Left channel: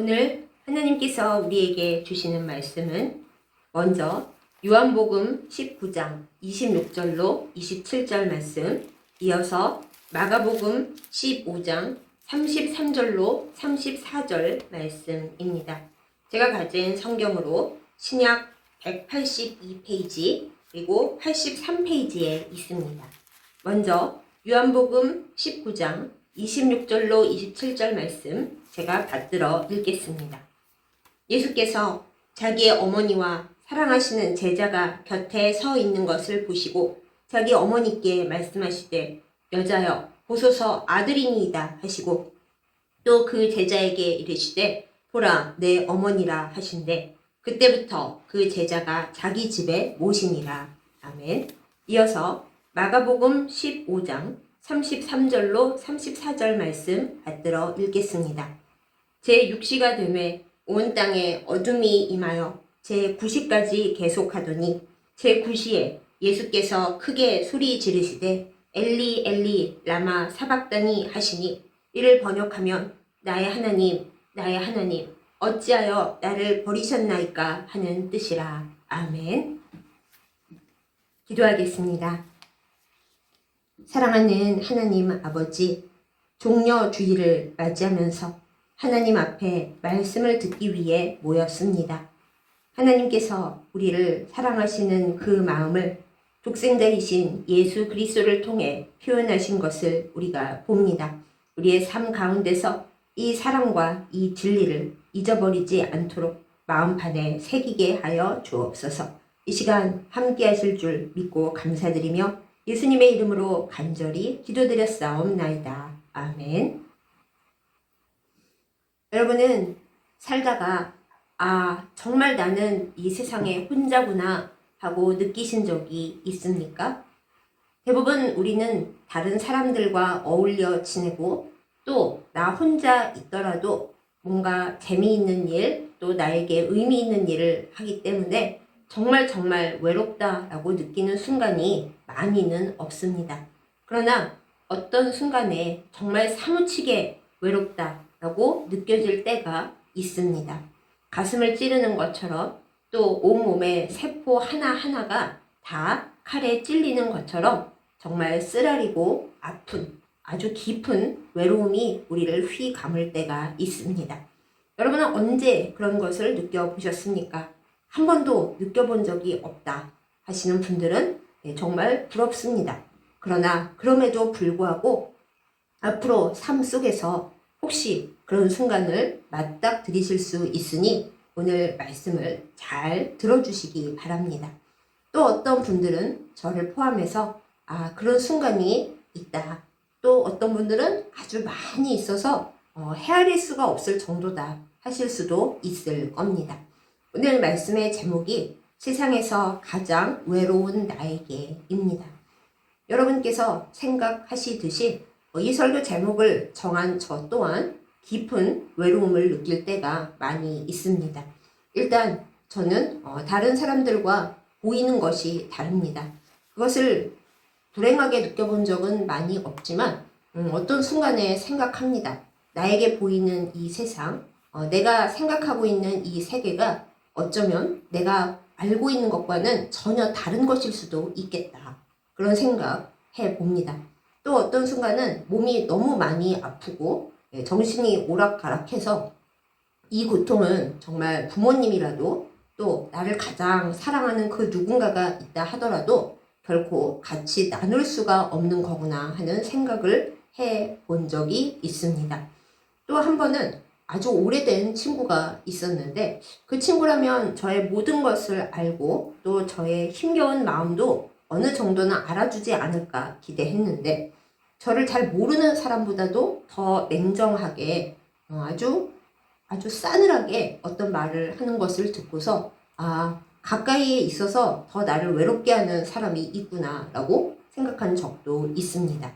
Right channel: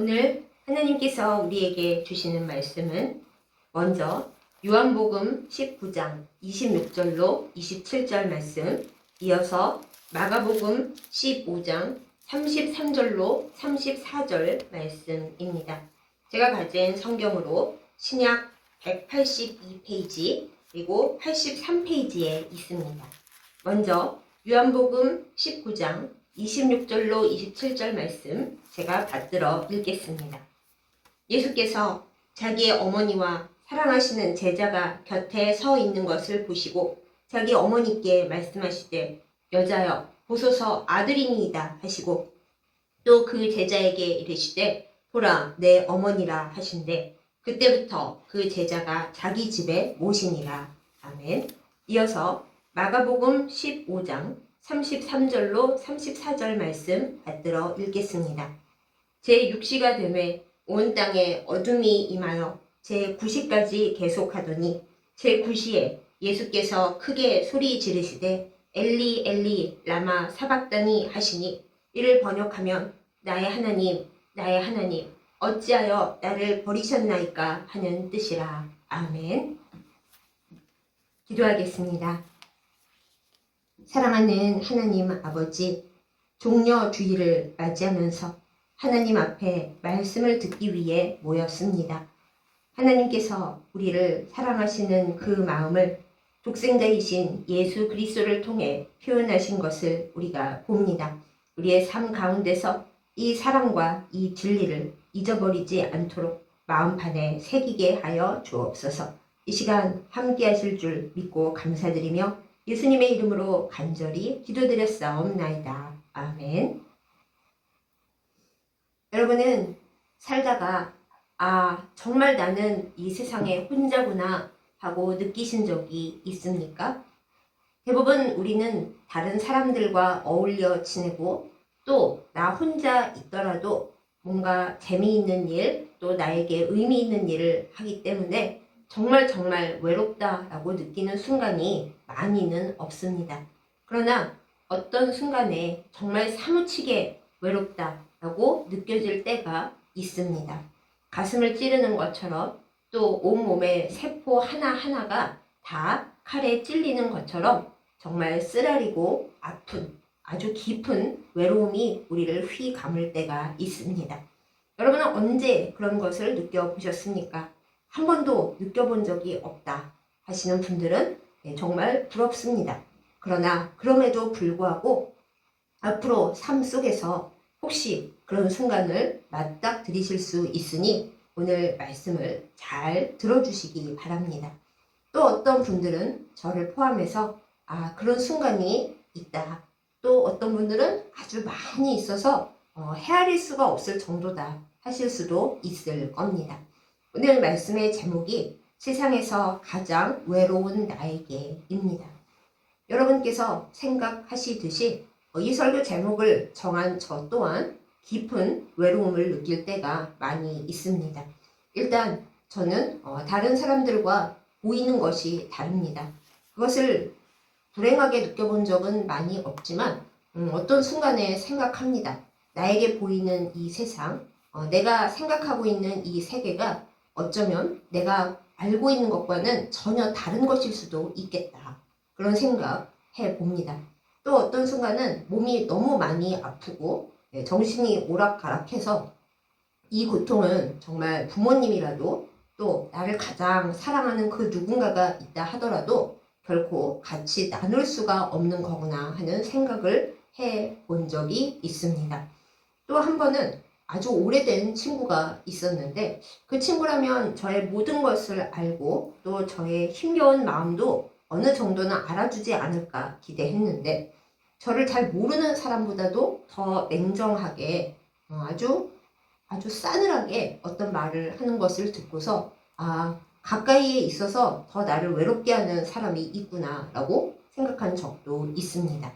오늘 하나님께서 우리에게 주시는 말씀은 먼저 요한복음 19장 26절로 27절 말씀, 이어서 마가복음 15장 33절로 34절 말씀입니다. 제가 가진 성경으로 신약 182페이지 그리고 83페이지에 있습니다. 먼저 요한복음 19장 26절로 27절 말씀 제가 받들어 읽겠습니다. 예수께서 자기의 어머니와 사랑하시는 제자가 곁에 서 있는 것을 보시고 자기 어머니께 말씀하시되 여자여 보소서 아들이니이다 하시고 또 그 제자에게 이르시되 보라 내 어머니라 하신대 그때부터 그 제자가 자기 집에 모시니라. 아멘. 이어서 마가복음 15장 33절로 34절 말씀 받들어 읽겠습니다. 제6시가 되매 온 땅에 어둠이 임하여 제9시까지 계속하더니 제9시에 예수께서 크게 소리 지르시되 엘리 엘리 라마 사박다니 하시니 이를 번역하면 나의 하나님 어찌하여 나를 버리셨나이까 하는 뜻이라. 아멘. 기도하겠습니다. 사랑하는 하나님 아버지, 종려 주일을 맞이하면서 하나님 앞에 말씀을 듣기 위해 모였습니다. 하나님께서 우리를 사랑하시는 그 마음을 독생자이신 예수 그리스도를 통해 표현하신 것을 우리가 봅니다. 우리의 삶 가운데서 이 사랑과 이 진리를 잊어버리지 않도록 마음판에 새기게 하여 주옵소서. 이 시간 함께 하실 줄 믿고 감사드리며 예수님의 이름으로 간절히 기도드렸사옵나이다. 아멘. 여러분은 살다가 정말 나는 이 세상에 혼자구나 하고 느끼신 적이 있습니까? 대부분 우리는 다른 사람들과 어울려 지내고 또 나 혼자 있더라도 뭔가 재미있는 일, 또 나에게 의미 있는 일을 하기 때문에 정말 외롭다라고 느끼는 순간이 많이는 없습니다. 그러나 어떤 순간에 정말 사무치게 외롭다라고 느껴질 때가 있습니다. 가슴을 찌르는 것처럼 또 온몸의 세포 하나하나가 다 칼에 찔리는 것처럼 정말 쓰라리고 아픈 아주 깊은 외로움이 우리를 휘감을 때가 있습니다. 여러분은 언제 그런 것을 느껴보셨습니까? 한 번도 느껴본 적이 없다 하시는 분들은 정말 부럽습니다. 그러나 그럼에도 불구하고 앞으로 삶 속에서 혹시 그런 순간을 맞닥뜨리실 수 있으니 오늘 말씀을 잘 들어주시기 바랍니다. 또 어떤 분들은 저를 포함해서 그런 순간이 있다. 또 어떤 분들은 아주 많이 있어서 헤아릴 수가 없을 정도다 하실 수도 있을 겁니다. 오늘 말씀의 제목이 세상에서 가장 외로운 나에게입니다. 여러분께서 생각하시듯이 이 설교 제목을 정한 저 또한 깊은 외로움을 느낄 때가 많이 있습니다. 일단 저는 다른 사람들과 보이는 것이 다릅니다. 그것을 불행하게 느껴본 적은 많이 없지만 어떤 순간에 생각합니다. 나에게 보이는 이 세상, 내가 생각하고 있는 이 세계가 어쩌면 내가 알고 있는 것과는 전혀 다른 것일 수도 있겠다. 그런 생각 해봅니다. 또 어떤 순간은 몸이 너무 많이 아프고 정신이 오락가락해서 이 고통은 정말 부모님이라도 또 나를 가장 사랑하는 그 누군가가 있다 하더라도 결코 같이 나눌 수가 없는 거구나 하는 생각을 해본 적이 있습니다. 또 한 번은 아주 오래된 친구가 있었는데 그 친구라면 저의 모든 것을 알고 또 저의 힘겨운 마음도 어느 정도는 알아주지 않을까 기대했는데 저를 잘 모르는 사람보다도 더 냉정하게 아주 싸늘하게 어떤 말을 하는 것을 듣고서 가까이에 있어서 더 나를 외롭게 하는 사람이 있구나라고 생각한 적도 있습니다.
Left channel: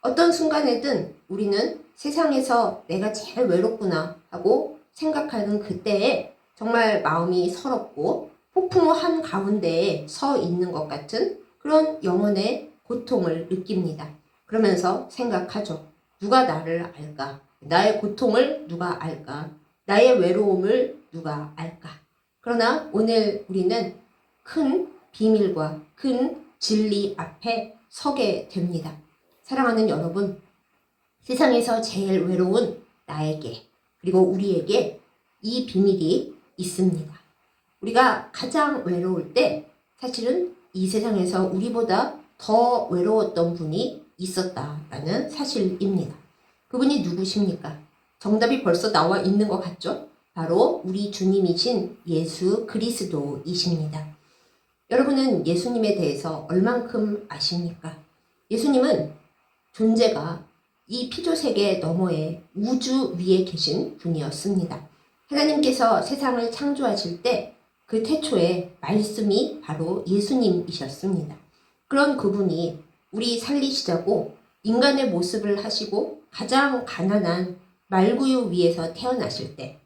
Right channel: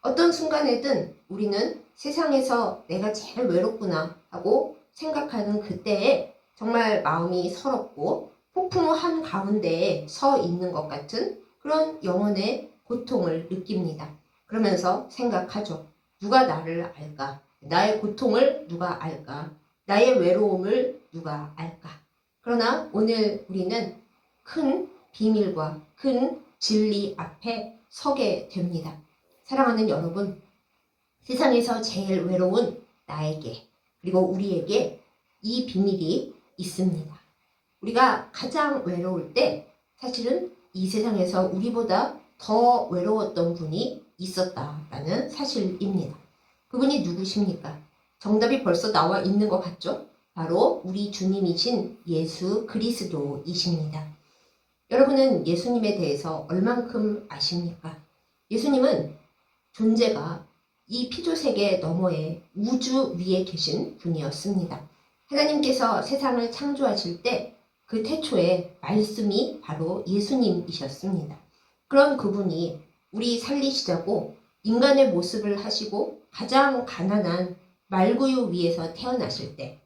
어떤 순간에든 우리는 세상에서 내가 제일 외롭구나 하고 생각하는 그때에 정말 마음이 서럽고 폭풍 한가운데에 서 있는 것 같은 그런 영혼의 고통을 느낍니다. 그러면서 생각하죠. 누가 나를 알까? 나의 고통을 누가 알까? 나의 외로움을 누가 알까? 그러나 오늘 우리는 큰 비밀과 큰 진리 앞에 서게 됩니다. 사랑하는 여러분, 세상에서 제일 외로운 나에게 그리고 우리에게 이 비밀이 있습니다. 우리가 가장 외로울 때 사실은 이 세상에서 우리보다 더 외로웠던 분이 있었다라는 사실입니다. 그분이 누구십니까? 정답이 벌써 나와 있는 것 같죠? 바로 우리 주님이신 예수 그리스도이십니다. 여러분은 예수님에 대해서 얼만큼 아십니까? 예수님은 존재가 이 피조세계 너머에 우주 위에 계신 분이었습니다. 하나님께서 세상을 창조하실 때 그 태초에 말씀이 바로 예수님이셨습니다. 그런 그분이 우리 살리시자고 인간의 모습을 하시고 가장 가난한 말구유 위에서 태어나실 때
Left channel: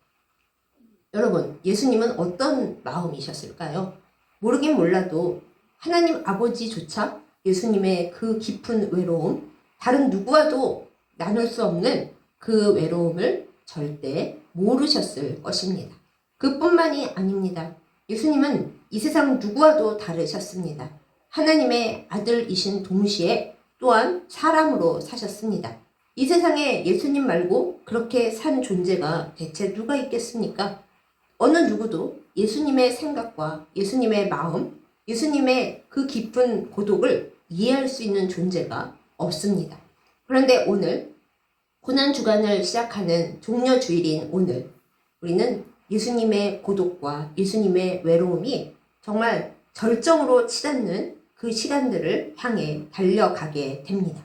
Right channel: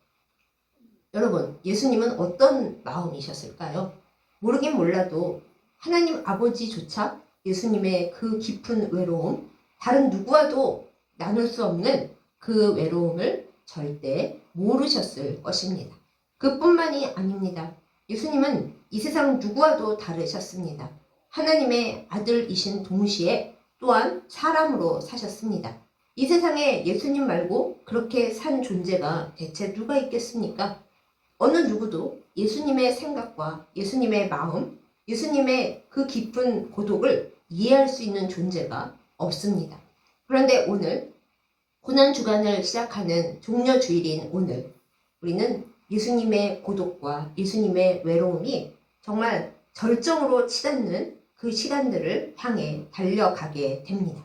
여러분, 예수님은 어떤 마음이셨을까요? 모르긴 몰라도 하나님 아버지조차 예수님의 그 깊은 외로움, 다른 누구와도 나눌 수 없는 그 외로움을 절대 모르셨을 것입니다. 그뿐만이 아닙니다. 예수님은 이 세상 누구와도 다르셨습니다. 하나님의 아들이신 동시에 또한 사람으로 사셨습니다. 이 세상에 예수님 말고 그렇게 산 존재가 대체 누가 있겠습니까? 어느 누구도 예수님의 생각과 예수님의 마음, 예수님의 그 깊은 고독을 이해할 수 있는 존재가 없습니다. 그런데 오늘 고난주간을 시작하는 종려주일인 오늘 우리는 예수님의 고독과 예수님의 외로움이 정말 절정으로 치닫는 그 시간들을 향해 달려가게 됩니다.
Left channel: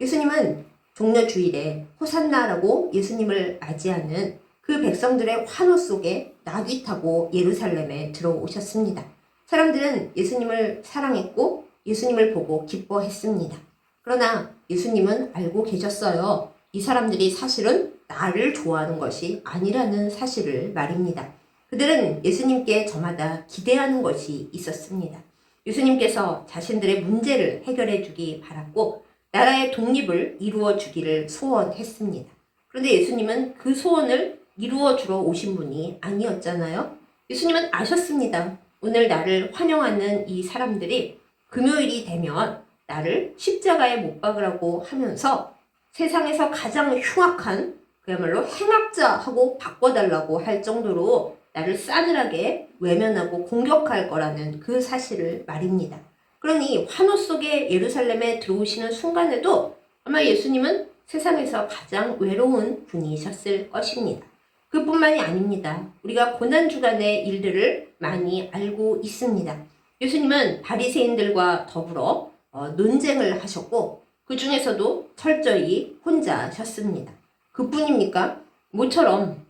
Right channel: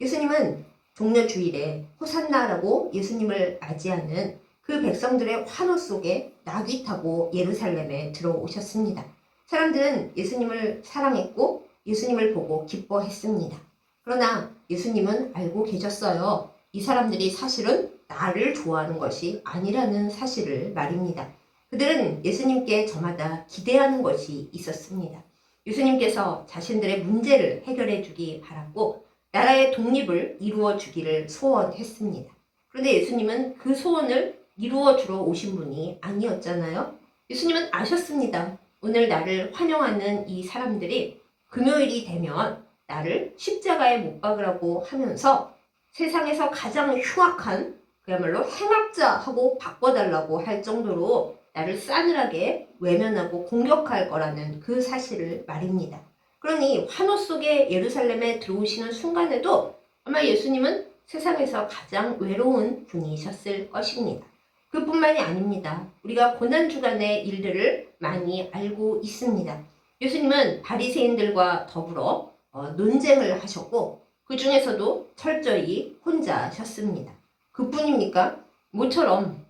예수님은 종려주일에 호산나라고 예수님을 맞이하는 그 백성들의 환호 속에 나귀 타고 예루살렘에 들어오셨습니다. 사람들은 예수님을 사랑했고 예수님을 보고 기뻐했습니다. 그러나 예수님은 알고 계셨어요. 이 사람들이 사실은 나를 좋아하는 것이 아니라는 사실을 말입니다. 그들은 예수님께 저마다 기대하는 것이 있었습니다. 예수님께서 자신들의 문제를 해결해 주기 바랐고 나라의 독립을 이루어 주기를 소원했습니다. 그런데 예수님은 그 소원을 이루어 주러 오신 분이 아니었잖아요. 예수님은 아셨습니다. 오늘 나를 환영하는 이 사람들이 금요일이 되면 나를 십자가에 못 박으라고 하면서 세상에서 가장 흉악한 그야말로 행악자하고 바꿔달라고 할 정도로 나를 싸늘하게 외면하고 공격할 거라는 그 사실을 말입니다. 그러니 환호 속에 예루살렘에 들어오시는 순간에도 아마 예수님은 세상에서 가장 외로운 분이셨을 것입니다. 그뿐만이 아닙니다. 우리가 고난주간의 일들을 많이 알고 있습니다. 예수님은 바리새인들과 더불어 논쟁을 하셨고 그 중에서도 철저히 혼자셨습니다. 그뿐입니까? 모처럼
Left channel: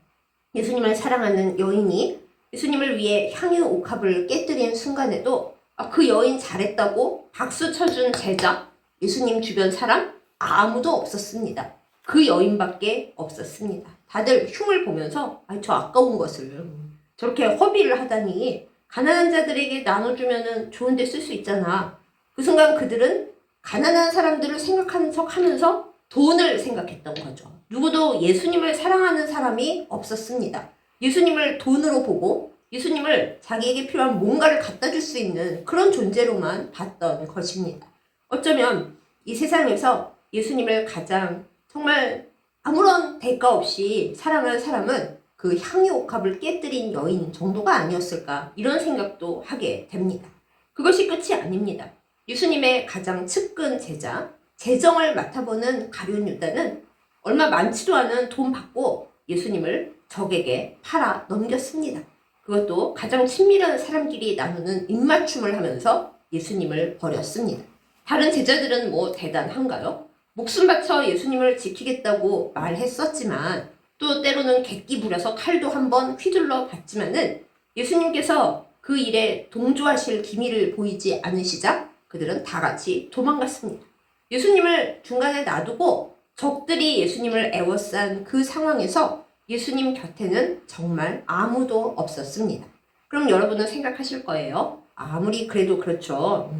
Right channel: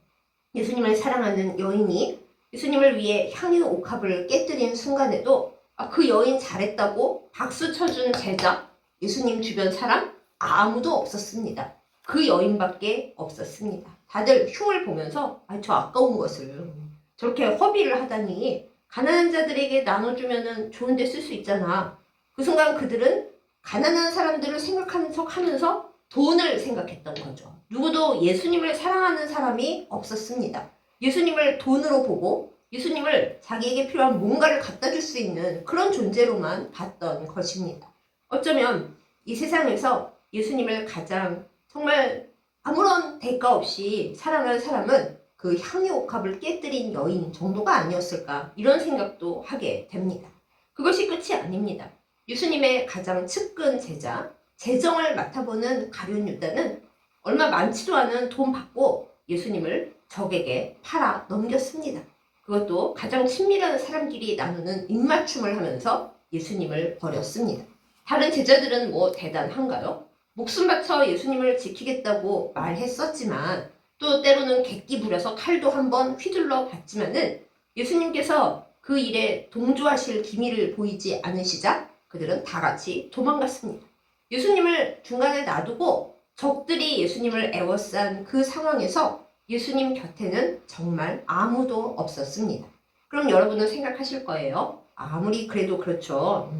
예수님을 사랑하는 여인이 예수님을 위해 향유 옥합을 깨뜨린 순간에도 그 여인 잘했다고 박수 쳐준 제자, 예수님 주변 사람 아무도 없었습니다. 그 여인밖에 없었습니다. 다들 흉을 보면서 저 아까운 것을 저렇게 허비를 하다니 가난한 자들에게 나눠주면 좋은 데 쓸 수 있잖아. 그 순간 그들은 가난한 사람들을 생각하는 척 하면서 돈을 생각했던 거죠. 누구도 예수님을 사랑하는 사람이 없었습니다. 예수님을 돈으로 보고 예수님을 자기에게 필요한 뭔가를 갖다 줄 수 있는 그런 존재로만 봤던 것입니다. 어쩌면 이 세상에서 예수님을 가장 정말 아무런 대가 없이 사랑하는 사람은 그 향유 옥합을 깨뜨린 여인 정도가 아니었을까 이런 생각도 하게 됩니다. 그것이 끝이 아닙니다. 예수님의 가장 측근 제자, 재정을 맡아보는 가룟 유다는 얼마 많지도 않은 돈 받고 예수님을 적에게 팔아 넘겼습니다. 그것도 가장 친밀한 사람끼리 나누는 입맞춤을 하면서 예수님을 버렸습니다. 다른 제자들은 뭐 대단한가요? 목숨 바쳐 예수님을 지키겠다고 말했었지만 또 때로는 객기 부려서 칼도 한번 휘둘러 봤지만은 예수님께서 그 일에 동조하실 기미를 보이지 않으시자 그들은 다 같이 도망갔습니다. 예수님을 중간에 놔두고 적들이 예수님을 에워싼 그 상황에서 예수님 곁에는 정말 아무도 없었습니다. 그럼 여러분은 생각하실 거예요. 아무리 그래도 그렇죠.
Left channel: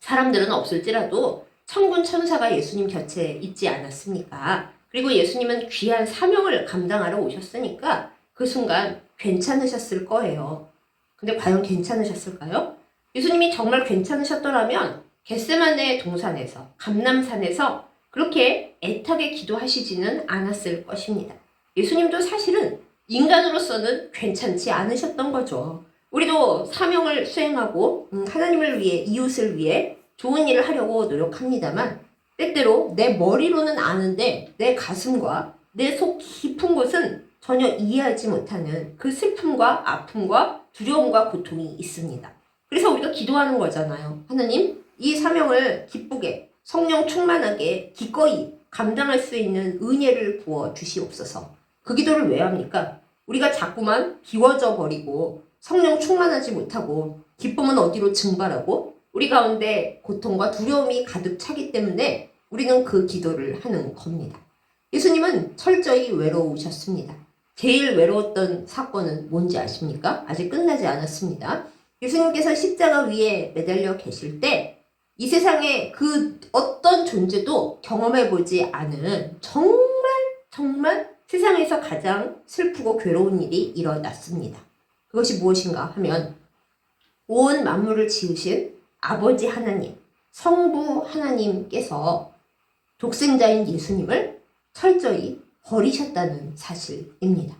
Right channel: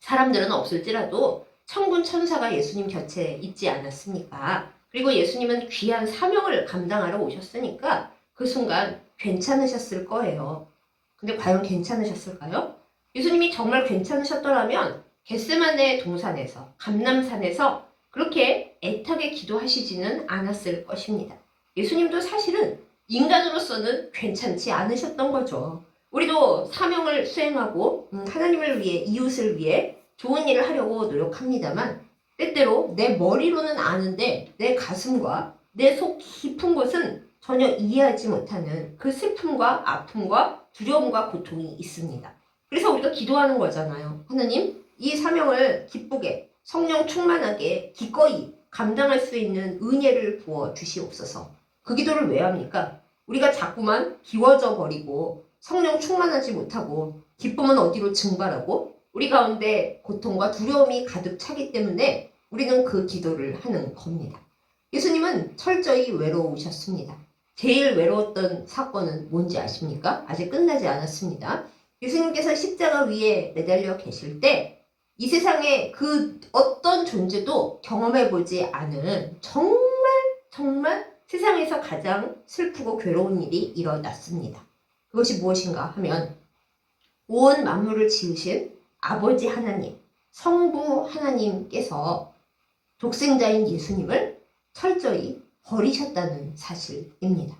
사람들은 없을지라도 천군 천사가 예수님 곁에 있지 않았습니까? 그리고 예수님은 귀한 사명을 감당하러 오셨으니까 그 순간 괜찮으셨을 거예요. 근데 과연 괜찮으셨을까요? 예수님이 정말 괜찮으셨더라면 겟세마네 동산에서, 감람산에서 그렇게 애타게 기도하시지는 않았을 것입니다. 예수님도 사실은 인간으로서는 괜찮지 않으셨던 거죠. 우리도 사명을 수행하고 하나님을 위해, 이웃을 위해 좋은 일을 하려고 노력합니다만 때때로 내 머리로는 아는데 내 가슴과 내 속 깊은 곳은 전혀 이해하지 못하는 그 슬픔과 아픔과 두려움과 고통이 있습니다. 그래서 우리가 기도하는 거잖아요. 하나님, 이 사명을 기쁘게 성령 충만하게 기꺼이 감당할 수 있는 은혜를 부어 주시옵소서. 그 기도를 왜 합니까? 우리가 자꾸만 비워져 버리고 성령 충만하지 못하고 기쁨은 어디로 증발하고 우리 가운데 고통과 두려움이 가득 차기 때문에 우리는 그 기도를 하는 겁니다. 예수님은 철저히 외로우셨습니다. 제일 외로웠던 사건은 뭔지 아십니까? 아직 끝나지 않았습니다. 예수님께서 십자가 위에 매달려 계실 때 이 세상에 그 어떤 존재도 경험해보지 않은 정말 세상에서 가장 슬프고 괴로운 일이 일어났습니다. 그것이 무엇인가 하면 온 만물을 지으신 아버지 하나님, 성부 하나님께서 독생자인 예수님을 철저히 버리셨다는 사실입니다.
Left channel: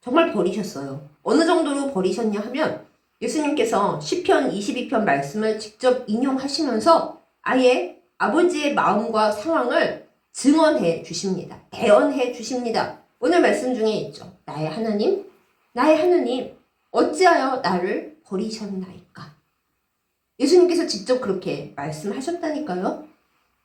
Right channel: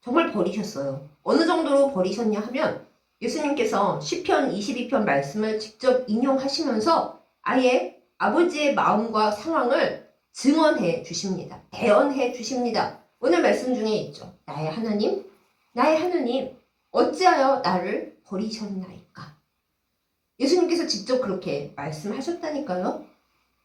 정말 버리셨어요. 어느 정도로 버리셨냐 하면 예수님께서 시편 22편 말씀을 직접 인용하시면서 아예 아버지의 마음과 상황을 증언해 주십니다. 대언해 주십니다. 오늘 말씀 중에 있죠. 나의 하나님, 어찌하여 나를 버리셨나이까. 예수님께서 직접 그렇게 말씀하셨다니까요.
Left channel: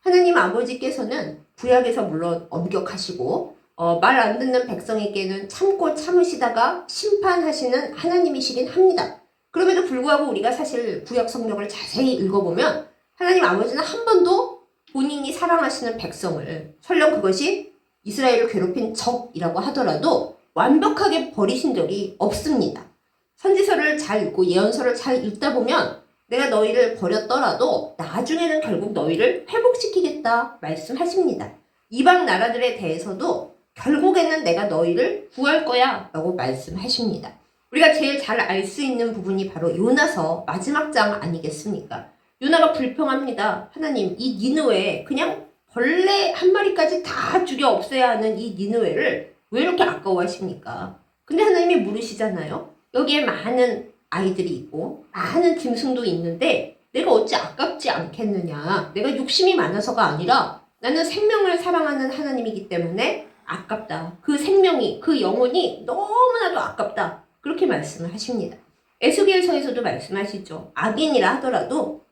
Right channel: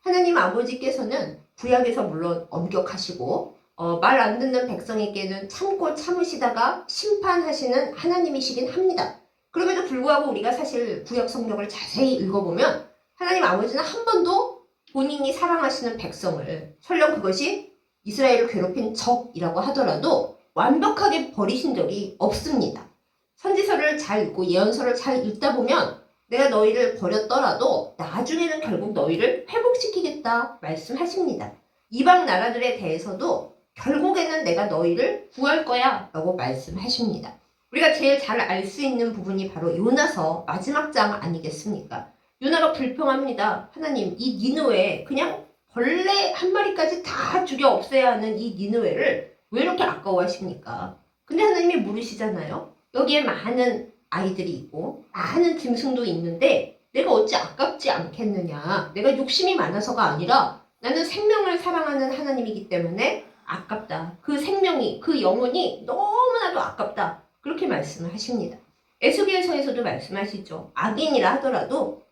하나님 아버지께서는 구약에서 물론 엄격하시고 말 안 듣는 백성에게는 참고 참으시다가 심판하시는 하나님이시긴 합니다. 그럼에도 불구하고 우리가 사실 구약 성경을 자세히 읽어보면 하나님 아버지는 한 번도 본인이 사랑하시는 백성을 설령 그것이 이스라엘을 괴롭힌 적이라고 하더라도 완벽하게 버리신 적이 없습니다. 선지서를 잘 읽고 예언서를 잘 읽다 보면 내가 너희를 버렸더라도 나중에는 결국 너희를 회복시키겠다 말씀하십니다. 이방 나라들에 대해서도 결국에는 내가 너희를 구할 거야 라고 말씀하십니다. 우리가 제일 잘 알 수 있는 부분이 바로 요나서 마지막 장 아니겠습니까? 요나가 불평합니다. 하나님, 이 니느웨에 그냥 벌레 한 마리까지 다 죽여 없애야 하는 이 니느웨를 왜 이렇게 아까워하십니까? 근데 하나님이 물으시잖아요. 여기에 많은 아이들이 있고 많은 짐승도 있는데 내가 어찌 아깝지 않겠느냐. 내가 욕심이 많아서가 아니라 나는 생명을 사랑하는 하나님이기 때문에 아깝다. 그 생명이, 그 영혼이 너무나도 아깝다. 그렇게 말씀을 하십니다. 에스겔서에서도 말씀하시죠. 악인이라 하더라도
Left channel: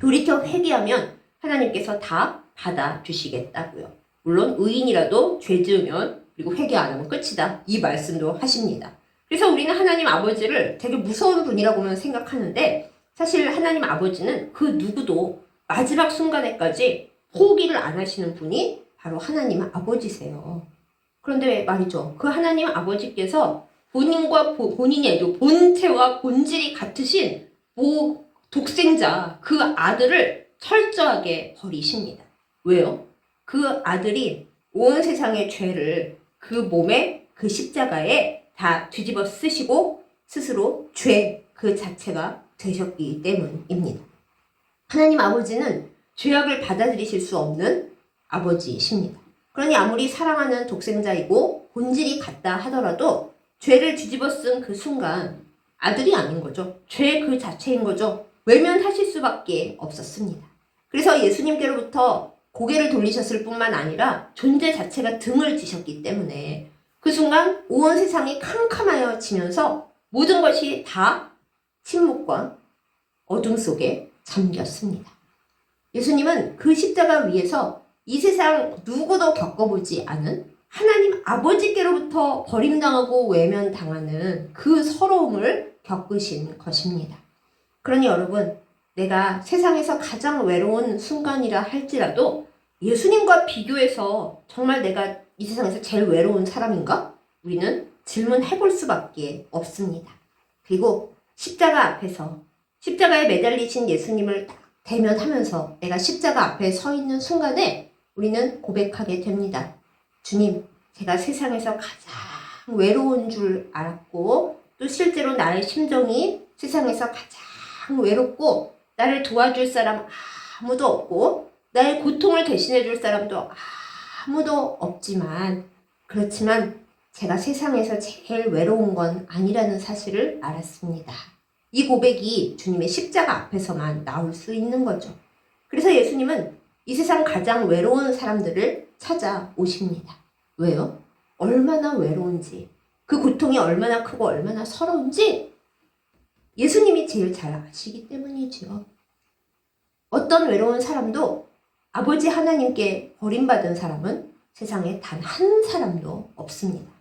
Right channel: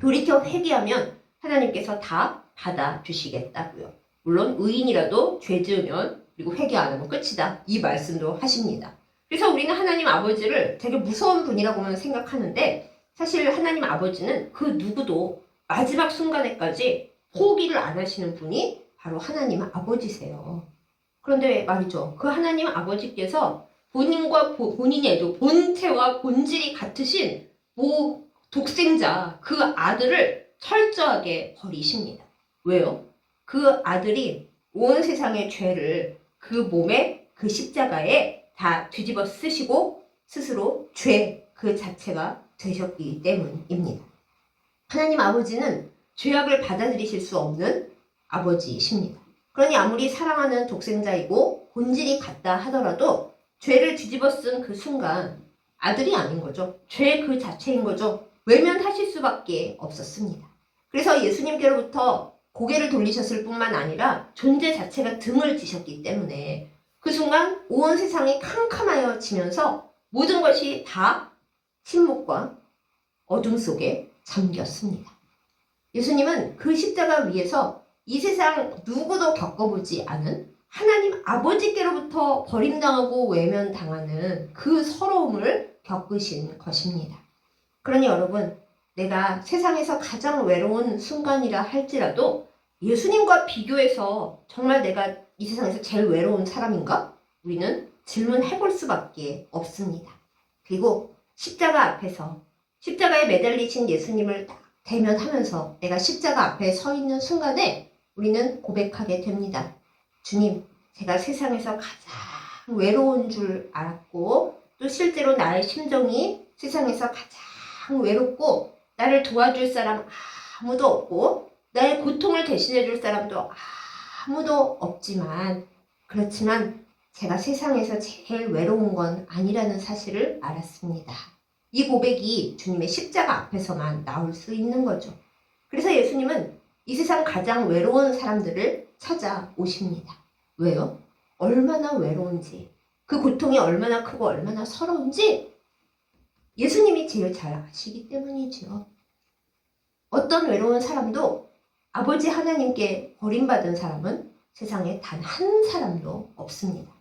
돌이켜 회개하면 하나님께서 다 받아주시겠다고요. 물론 의인이라도 죄 지으면 그리고 회개 안 하면 끝이다. 이 말씀도 하십니다. 그래서 우리는 하나님 아버지를 되게 무서운 분이라고만 생각하는데 사실 하나님 아버지는 그 누구도 마지막 순간에까지 포기를 안 하시는 분이 바로 하나님 아버지세요. 그런데 말이죠. 그 하나님 아버지께서 본인과 본인의 본체와 본질이 같으신 독생자 그 아들을 철저하게 버리십니다. 왜요? 그 아들이 온 세상의 죄를 그 몸에 그 십자가에 다 뒤집어 쓰시고 스스로 죄 그 자체가 되셨기 때문입니다. 하나님 아버지는 죄악을 받아들이실 수 없는 아버지이십니다. 그러니 아무리 사랑하는 독생자이고 본질이 같다 하더라도 죄를 뒤집어 쓴 그 순간 아들이 아닌 거죠. 죄 그 자체인 거죠. 외면하실 수밖에 없었습니다. 그래서 예수님께로부터 고개를 돌리셨을 뿐만 아니라 존재 자체가 등을 지셨기 때문에 그 순간 온 세상이 캄캄하여지면서 모든 것이 다 침묵과 어둠 속에 잠겼습니다. 예수님은 그 십자가 위에서 이 세상 누구도 겪어보지 않은 하나님 아버지께로부터 버림당하고 외면당하는 그 서러움을 겪으신 것입니다. 그러니 여러분, 내가 세상에서 가장 외로운 순간이라 할지라도 예수님과 비교해서 정말 내가 이 세상에서 제일 외로운 사람인가? 우리는 질문해볼 수밖에 없습니다. 그리고 십자가 앞에서 십자가에 매달리신 예수님을 대면하면서 내가 십자가 앞에 서 있는 순간에 우리는 고백하게 됩니다. 주님, 제가 세상에서 가장 외로운 줄 알았고 또 실제로 나의 심정이 세상에서 가장 외롭고 나를 도와줄 사람 아무도 없고 나의 고통을 대신해 줄 사람도 아무도 없지만 그렇지만 제가 세상에서 제일 외로운 건 아니라는 사실을 알았습니다. 이 고백이 주님의 십자가 앞에서만 나올 수 있는 거죠. 그래서 예수님은 이 세상 가장 외로운 사람들을 찾아오십니다. 왜요? 얼마나 외로운지, 그 고통이 얼마나 크고 얼마나 서러운지 예수님이 제일 잘 아시기 때문이지요. 어떤 외로운 사람도 아버지 하나님께 버림받은 사람은 세상에 단 한 사람도 없습니다.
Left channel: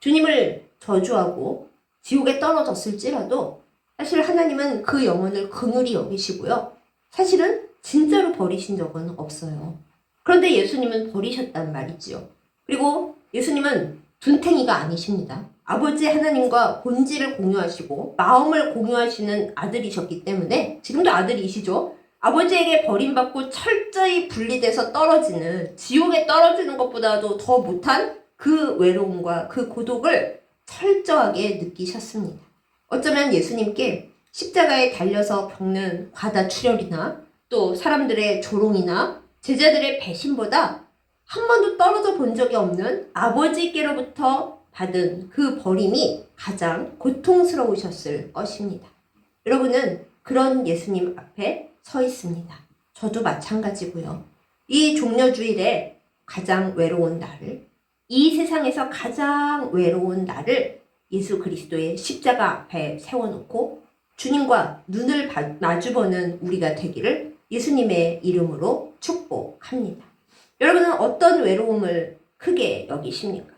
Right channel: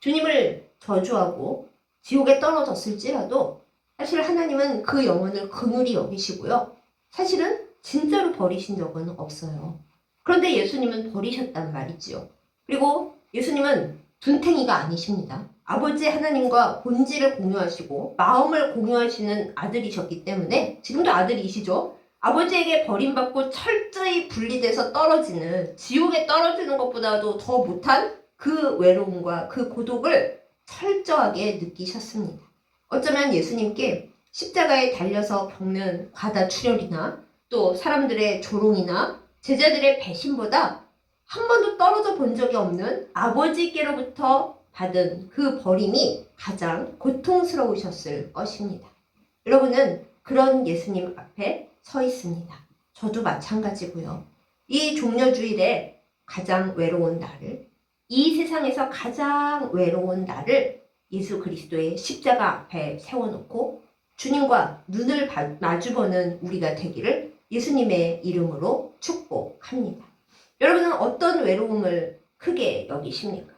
주님을 저주하고 지옥에 떨어졌을지라도 사실 하나님은 그 영혼을 긍휼히 여기시고요. 사실은 진짜로 버리신 적은 없어요. 그런데 예수님은 버리셨단 말이지요. 그리고 예수님은 둔탱이가 아니십니다. 아버지 하나님과 본질을 공유하시고 마음을 공유하시는 아들이셨기 때문에 지금도 아들이시죠. 아버지에게 버림받고 철저히 분리돼서 떨어지는 지옥에 떨어지는 것보다도 더 못한 그 외로움과 그 고독을 철저하게 느끼셨습니다. 어쩌면 예수님께 십자가에 달려서 겪는 과다출혈이나 또 사람들의 조롱이나 제자들의 배신보다 한 번도 떨어져 본 적이 없는 아버지께로부터 받은 그 버림이 가장 고통스러우셨을 것입니다. 여러분은 그런 예수님 앞에 서 있습니다. 저도 마찬가지고요. 이 종려주일에 가장 외로운 나를, 이 세상에서 가장 외로운 나를 예수 그리스도의 십자가 앞에 세워놓고 주님과 눈을 마주보는 우리가 되기를 예수님의 이름으로 축복합니다. 여러분은 어떤 외로움을 크게 여기십니까?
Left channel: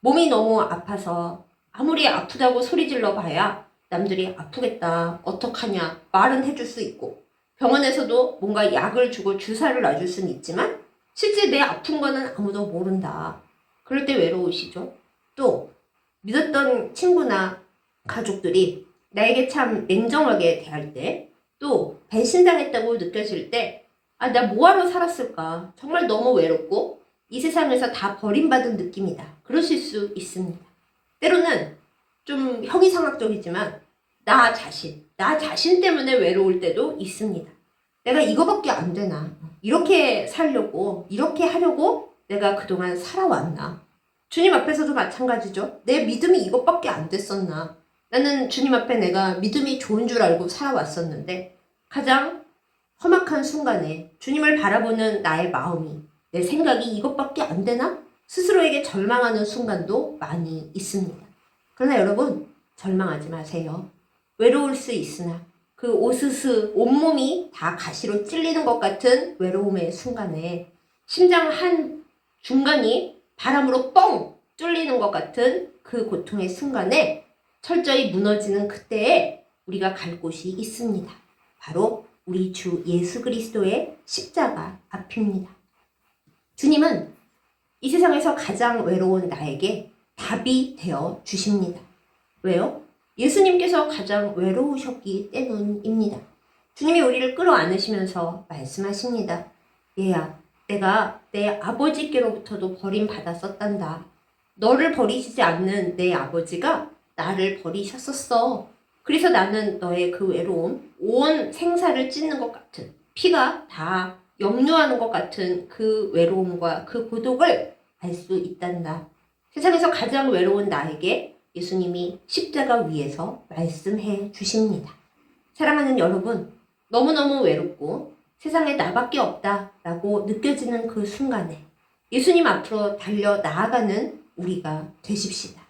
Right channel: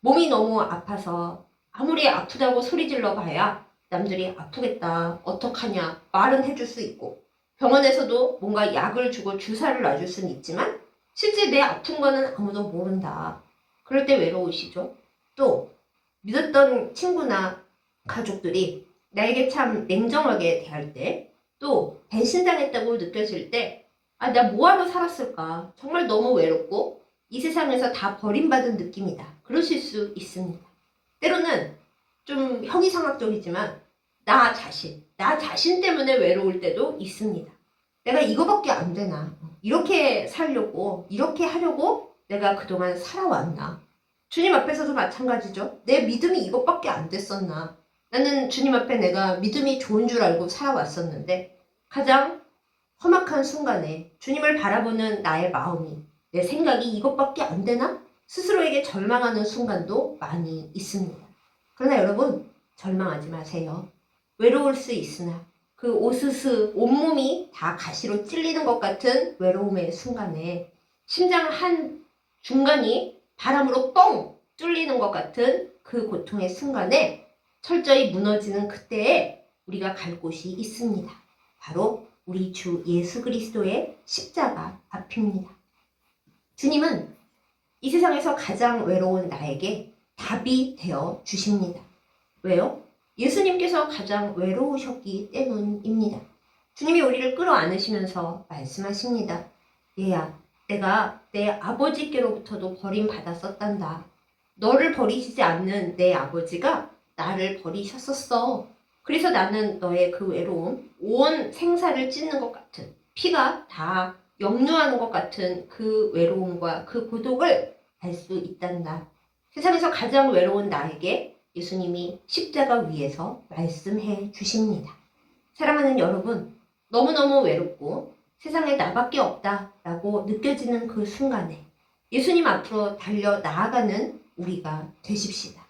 몸이 너무 아파서 아무리 아프다고 소리질러 봐야 남들이 아프겠다, 어떡하냐 말은 해줄 수 있고 병원에서도 뭔가 약을 주고 주사를 놔줄 수는 있지만 실제 내 아픈 거는 아무도 모른다. 그럴 때 외로우시죠? 또 믿었던 친구나 가족들이 나에게 참 냉정하게 대할 때 또 배신당했다고 느껴질 때 아, 나 뭐하러 살았을까? 정말 너무 외롭고 이 세상에서 다 버림받은 느낌이다. 그러실 수 있습니다. 때로는 좀 형이상학적이지만 나 자신 때문에 외로울 때도 있습니다. 내가 이거밖에 안 되나? 이렇게 살려고, 이렇게 하려고 내가 그동안 살아왔나? 주님 앞에서도 마찬가지죠. 내 믿음이 이것밖에 안 됐었나? 나는 주님 앞에 내가 믿음이 좋은 줄 알고 살아왔었는데 가장 험악한 순간에 주님을 바라보는 나의 마음이 내 생각이 이것밖에 안 되나? 스스로에게 절망하는 순간도 많이 있습니다. 그러나 여러분 절망하지 마세요. 외로울 수 있으나 그 오스스 온몸이 다 가시로 찔리는 것 같은 외로움의 순간에 심장 한 중간이 바람으로 뻥 뚫리는 것 같은 그 고통의 순간에 철저히 무너지는 그때에 우리가 갈 곳이 있습니다. 바로 우리 주 예수 그리스도의 십자가 앞입니다. 주님은 이 세상에서 가장 외로운 나에게 답이 되어 주십니다. 왜요? 예수님께서 가장 외로우셨기 때문입니다. 주님이 우리를 끌어안으시면서 말씀하십니다. 얘야, 내가 내 아버지께로부터도 버림받았었단다. 너를 버리시지 않는 내 아버지가 나를 버리셨었어. 그래서 나는 너의 그 외로움, 온 생사를 찢는 것 같은, 피가 다 역류하는 것 같은 그 외로움과 그 고독을 알 수 있단다. 세상에서 가장 외로운 나에게 예수님이 십자가 위에서 말씀해 주십니다. 사랑하는 여러분, 너무너무 외롭고 세상에 나밖에 없다라고 느껴지는 그 순간에 예수님 앞으로 달려 나아가는 우리가 되십시다.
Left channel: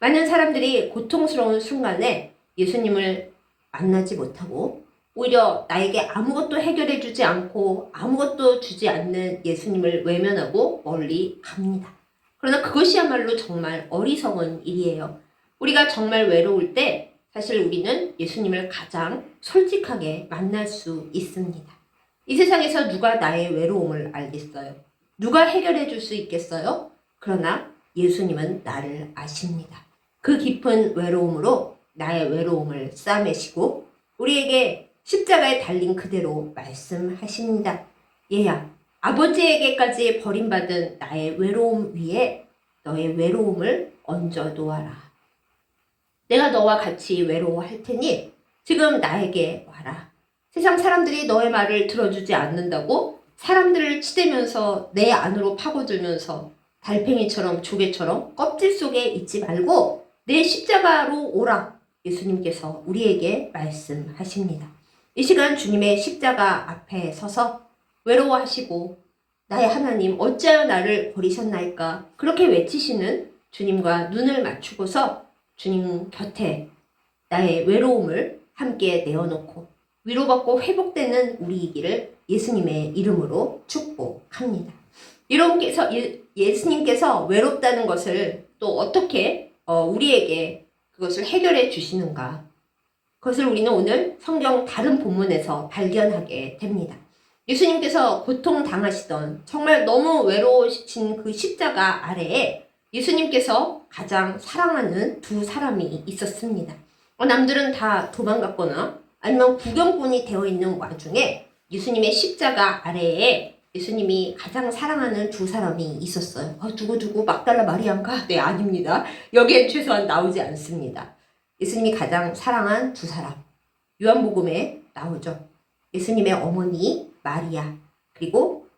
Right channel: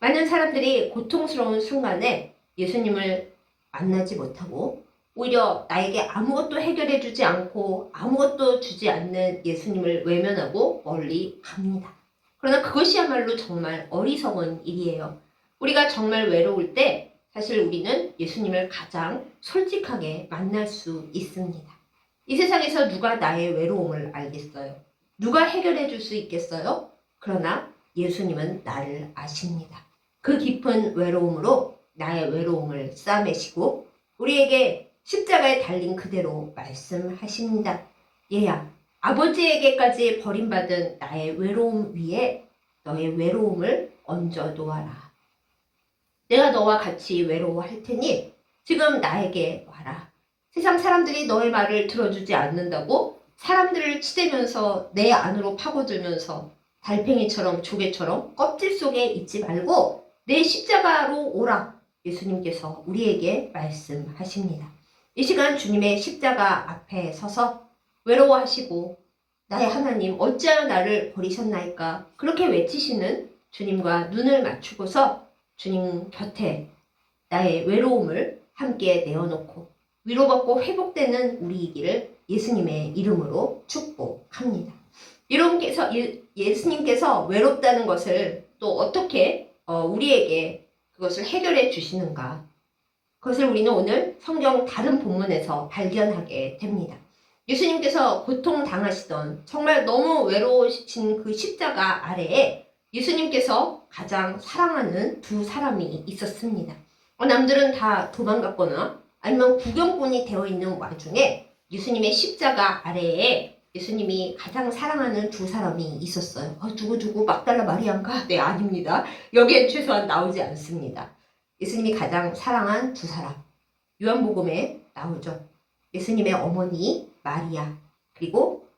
많은 사람들이 고통스러운 순간에 예수님을 만나지 못하고 오히려 나에게 아무것도 해결해 주지 않고 아무것도 주지 않는 예수님을 외면하고 멀리 갑니다. 그러나 그것이야말로 정말 어리석은 일이에요. 우리가 정말 외로울 때 사실 우리는 예수님을 가장 솔직하게 만날 수 있습니다. 이 세상에서 누가 나의 외로움을 알겠어요? 누가 해결해 줄 수 있겠어요? 그러나 예수님은 나를 아십니다. 그 깊은 외로움으로 나의 외로움을 싸매시고 우리에게 십자가에 달린 그대로 말씀하십니다. 얘야, 아버지에게까지 버림받은 나의 외로움 위에 너의 외로움을 얹어 놓아라. 내가 너와 같이 외로워할 테니 지금 나에게 와라. 세상 사람들이 너의 말을 들어주지 않는다고 사람들을 치대면서 내 안으로 파고들면서 달팽이처럼 조개처럼 껍질 속에 있지 말고 내 십자가로 오라. 예수님께서 우리에게 말씀하십니다. 이 시간 주님의 십자가 앞에 서서 외로워하시고 나의 하나님 어찌하여 나를 버리셨나이까 그렇게 외치시는 주님과 눈을 맞추고서 주님 곁에 나의 외로움을 함께 내어놓고 위로받고 회복되는 우리이기를 예수님의 이름으로 축복합니다. 예수님께서 외롭다는 것을 또 어떻게 우리에게 그것을 해결해 주시는가? 그것을 우리는 오늘 성경 다른 본문에서 발견하게 됩니다. 예수님께서 고통당하시던 정말 너무 외로우신 그 십자가 아래에 예수님께서 가장 사랑하는 두 사람이 있었습니다. 남들은 다 도망갔거나 아니면 구경꾼이 되어 있는 와중에 예수님의 십자가 아래에 예수님이 가장 사랑하는 두 사람이 있었어요. 누구 막달라 마리아인가? 네, 아닙니다. 여기엔 최소한 나오지 않습니다. 예수님이 가장 사랑한 두 사람. 요한복음에 나오죠. 예수님의 어머니 마리아, 그리고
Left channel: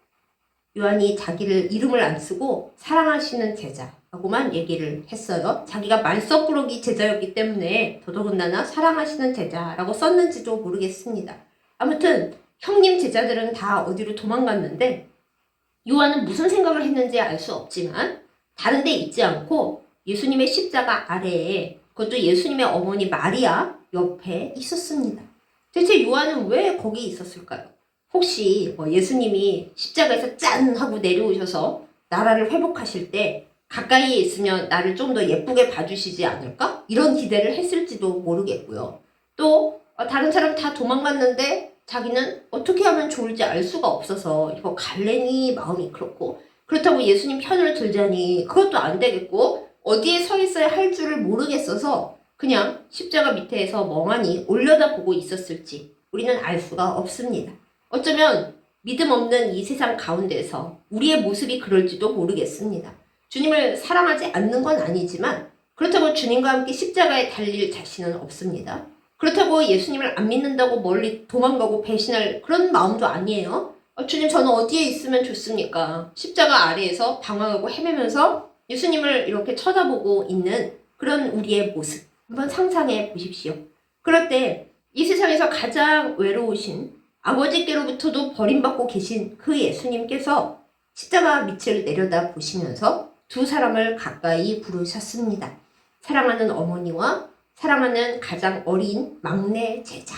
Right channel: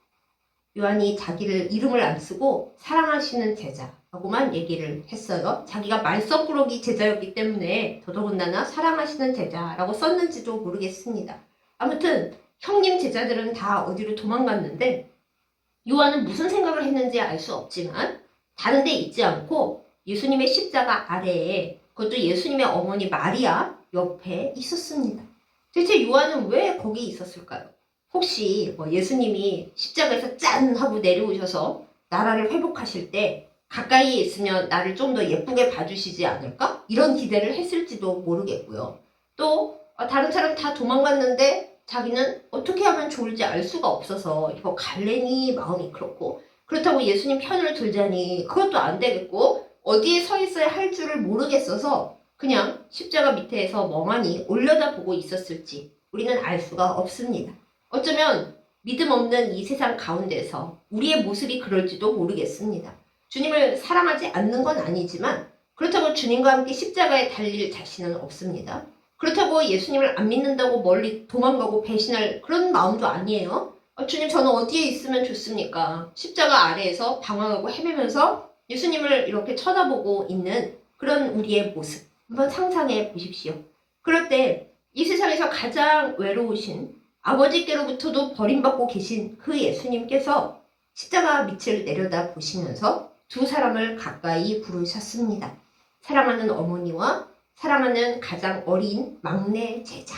요한이 자기를 이름을 안 쓰고 사랑하시는 제자라고만 얘기를 했어요. 자기가 말썽꾸러기 제자였기 때문에 더더군다나 사랑하시는 제자라고 썼는지도 모르겠습니다. 아무튼 형님 제자들은 다 어디로 도망갔는데 요한은 무슨 생각을 했는지 알 수 없지만 다른 데 있지 않고 예수님의 십자가 아래에 그것도 예수님의 어머니 마리아 옆에 있었습니다. 대체 요한은 왜 거기 있었을까요? 혹시 예수님이 십자가에서 짠 하고 내려오셔서 나라를 회복하실 때 가까이에 있으면 나를 좀 더 예쁘게 봐주시지 않을까? 이런 기대를 했을지도 모르겠고요. 또 다른 사람 다 도망갔는데 자기는 어떻게 하면 좋을지 알 수가 없어서 이거 갈래니 마음이 그렇고 그렇다고 예수님 편을 들자니 그것도 안 되겠고 어디에 서 있어야 할 줄을 모르겠어서 그냥 십자가 밑에서 멍하니 올려다보고 있었을지 우리는 알 수가 없습니다. 어쩌면 믿음 없는 이 세상 가운데서 우리의 모습이 그럴지도 모르겠습니다. 주님을 사랑하지 않는 건 아니지만 그렇다고 주님과 함께 십자가에 달릴 자신은 없습니다. 그렇다고 예수님을 안 믿는다고 멀리 도망가고 배신할 그런 마음도 아니에요. 주님 저는 어디에 있으면 좋습니까? 십자가 아래에서 방황하고 헤매면서 예수님을 이렇게 쳐다보고 있는 그런 우리의 모습 한번 상상해 보십시오. 그럴 때 이 세상에서 가장 외로우신 아버지께로부터도 버림받고 계신 그 예수님께서 십자가 밑을 내려다 보시면서 두 사람을 가까이 부르셨습니다. 사랑하는 어머니와 사랑하는 가장 어린 막내 제자.